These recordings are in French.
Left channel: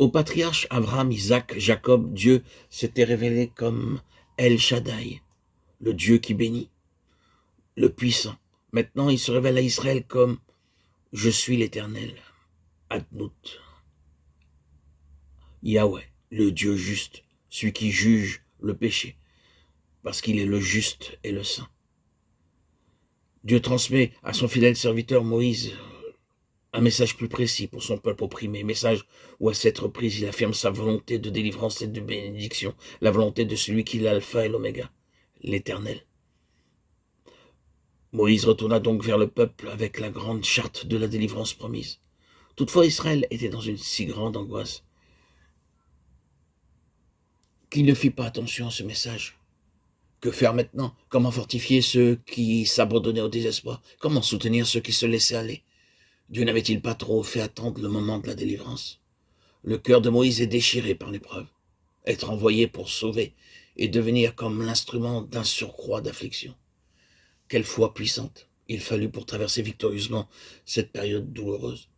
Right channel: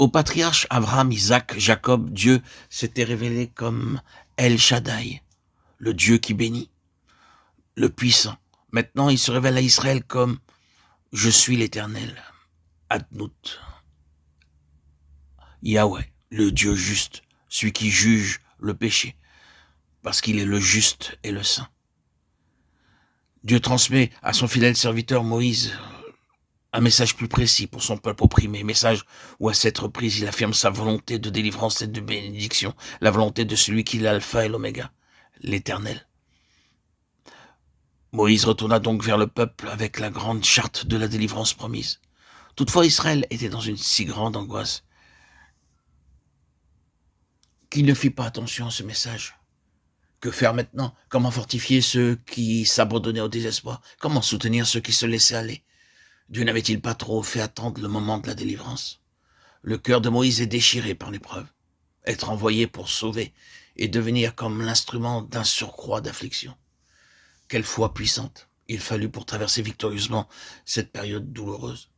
Aux patriarches Abraham, Isaac, Jacob, Dieu s'était révélé comme El Shaddai, le Dieu qui bénit, le puissant. Maintenant, il se révèle à Israël comme « Je suis l'Éternel », Adnout, Yahweh, le Dieu juste, celui qui juge le péché, parce qu'il est le juste et le saint. Dieu transmet à son fidèle serviteur Moïse un message plus précis pour son peuple opprimé, message où à cette reprise il affirme sa volonté de délivrance et de bénédiction, la volonté de celui qui est l'alpha et l'oméga, l'Éternel. Moïse retourna donc vers le peuple avec la grande charte de la délivrance promise. Toutefois, Israël était dans une si grande angoisse qu'il ne fit pas attention à ce message. Que faire maintenant? Comment fortifier ceux qui s'abandonnaient au désespoir? Comment soutenir ceux qui se laissaient aller? Dieu n'avait-il pas trop fait attendre le moment de la délivrance? Le cœur de Moïse est déchiré par l'épreuve. Être envoyé pour sauver et devenir comme l'instrument d'un surcroît d'affliction. Quelle foi puissante il fallut pour traverser victorieusement cette période douloureuse.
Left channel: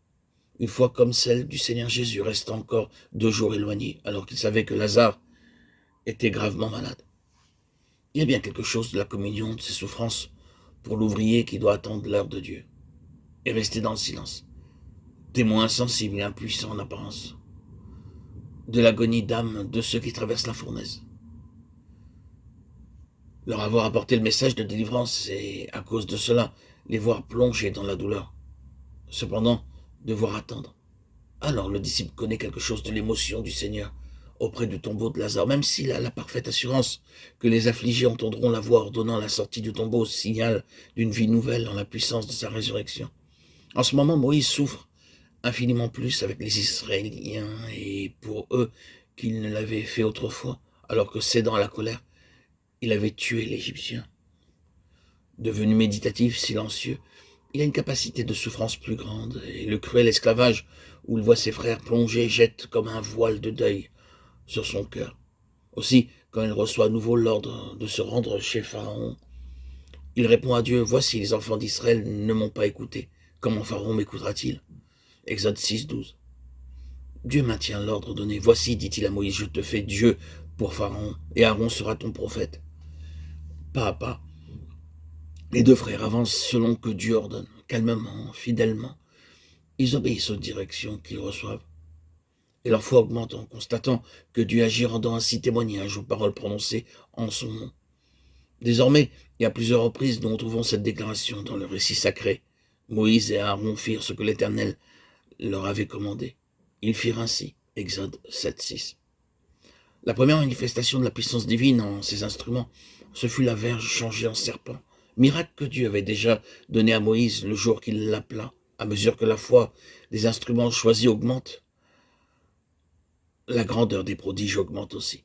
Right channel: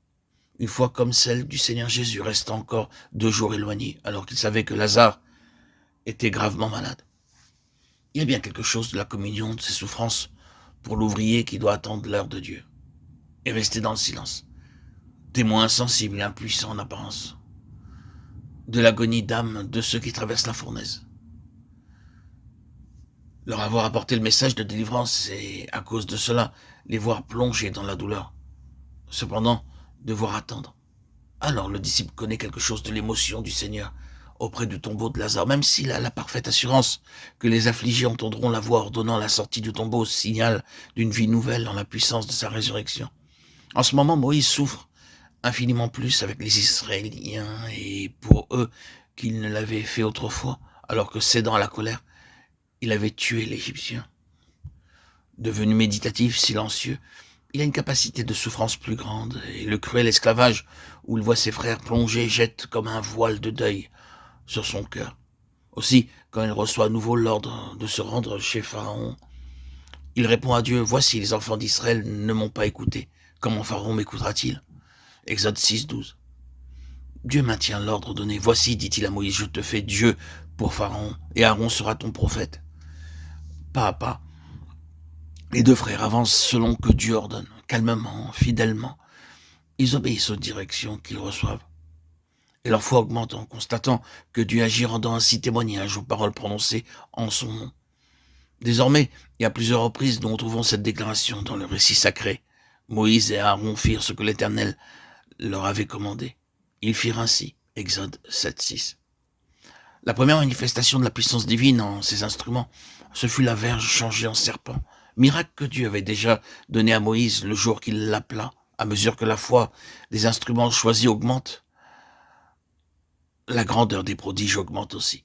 Une foi comme celle du Seigneur Jésus restant encore 2 jours éloigné, alors qu'il savait que Lazare était gravement malade. Il y a bien quelque chose de la communion de ces souffrances pour l'ouvrier qui doit attendre l'heure de Dieu et rester dans le silence, témoin insensible et impuissant en apparence de l'agonie d'âme de ceux qui traversent la fournaise. Leur avoir apporté le message de délivrance et, à cause de cela, les voir plonger dans la douleur. Cependant, devoir attendre. Alors le disciple connaît quelque chose de l'émotion du Seigneur auprès du tombeau de Lazare, même s'il a la parfaite assurance que les affligés entendront la voix ordonnant la sortie du tombeau, signal d'une vie nouvelle en la puissance de sa résurrection. En ce moment, Moïse souffre infiniment plus avec les Israéliens et pour eux qu'il ne l'avait fait autrefois, alors que cédant à la colère, il avait tué l'Égyptien. Devenu méditatif, silencieux, il a une capacité de souffrance plus grande, et le cruel esclavage où il voit ses frères plongés jette comme un voile de deuil sur son cœur. Aussi, quand il reçoit à nouveau l'ordre de se rendre chez Pharaon, il répond à Dieu, « Voici, les enfants d'Israël ne m'ont pas écouté. Comment Pharaon m'écoutera-t-il » Exode 6, 12. Dieu maintient l'ordre donné. « Voici, dit-il à Moïse, je te fais Dieu pour Pharaon, et Aaron sera ton prophète. » Pas à pas, les 2 frères avancent selon que Dieu ordonne, calmement, fidèlement. Ils obéissent aux directions qu'ils reçoivent. Et leur foi augmente en constatant que Dieu agit, rendant ainsi témoignage aux paroles prononcées en son nom. Désormais, il y a plusieurs reprises dont nous trouvons cette déclaration dans le récit sacré. Moïse et Aaron firent ce que l'Éternel leur avait commandé. Ils firent ainsi. Exode 7, 6. La première manifestation de la puissance divine en ces instruments, ce fut la verge changée en serpent. Miracle que Dieu avait déjà donné à Moïse le jour qu'il l'appela. À mesure que la foi des instruments choisis augmente, la grandeur des prodiges augmente aussi.